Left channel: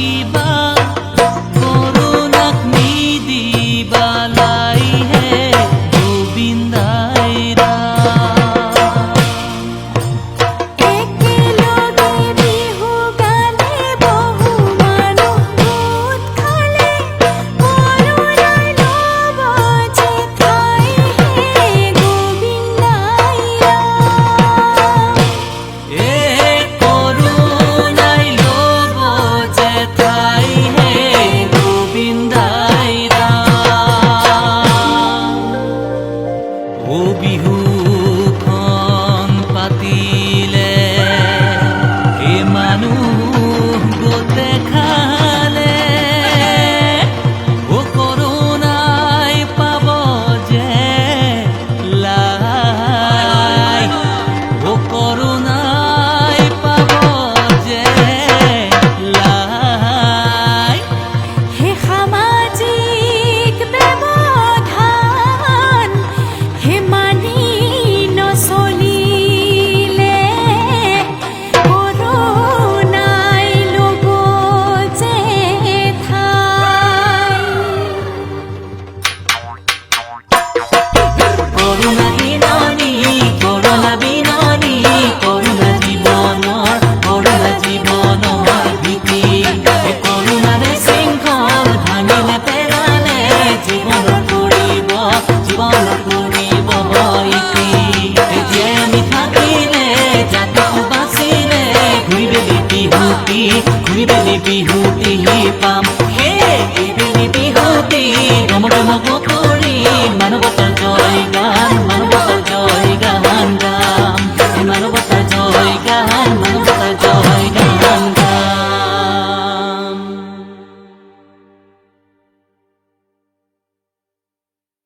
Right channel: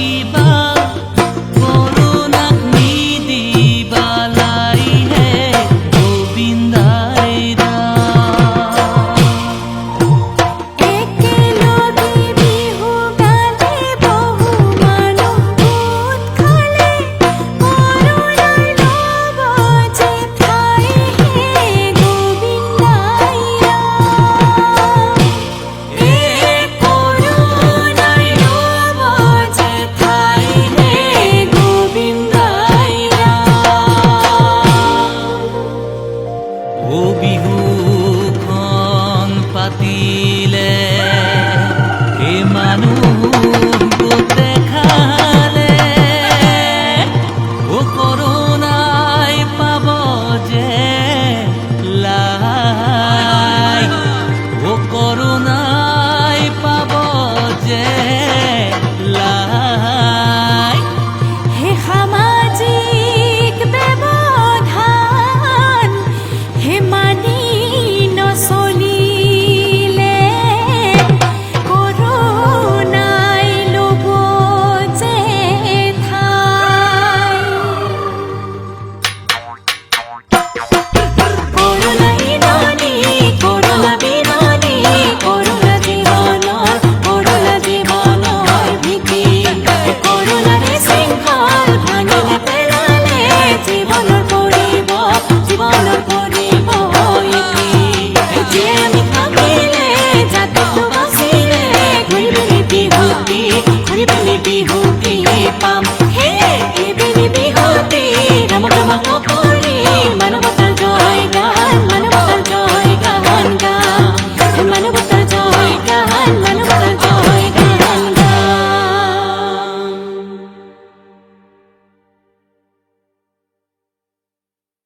কিবা কৰোণাক নিদিবালাই হে গোবিন্দাই ও বিহুখন পাতিলে এ মানুহ গোটে খালে ও কৰোণাই পাব যে লাই ও কৰোণাই পাব যে লাই হে সামাজিক ব্যৱধান হে মানি নচলিলে কৰোণাই ল'ব যে ঠাই কৰোণা বিননি কৰোণা বিননি কৰোণা জীৱনৰ ভীতি কৰোণাৰে শৃংখল ভাঙিলে পেলালে জীৱনৰ কৰিব ইতি যে আমি থাকিলে জাতক বাচিলে ঘূৰি পেলি বিহুতি পাম হে এইবেলি বিহুতি ৰম কৰি মানৱতাৰ জয় গান গাম মানৱতাৰ জয় গান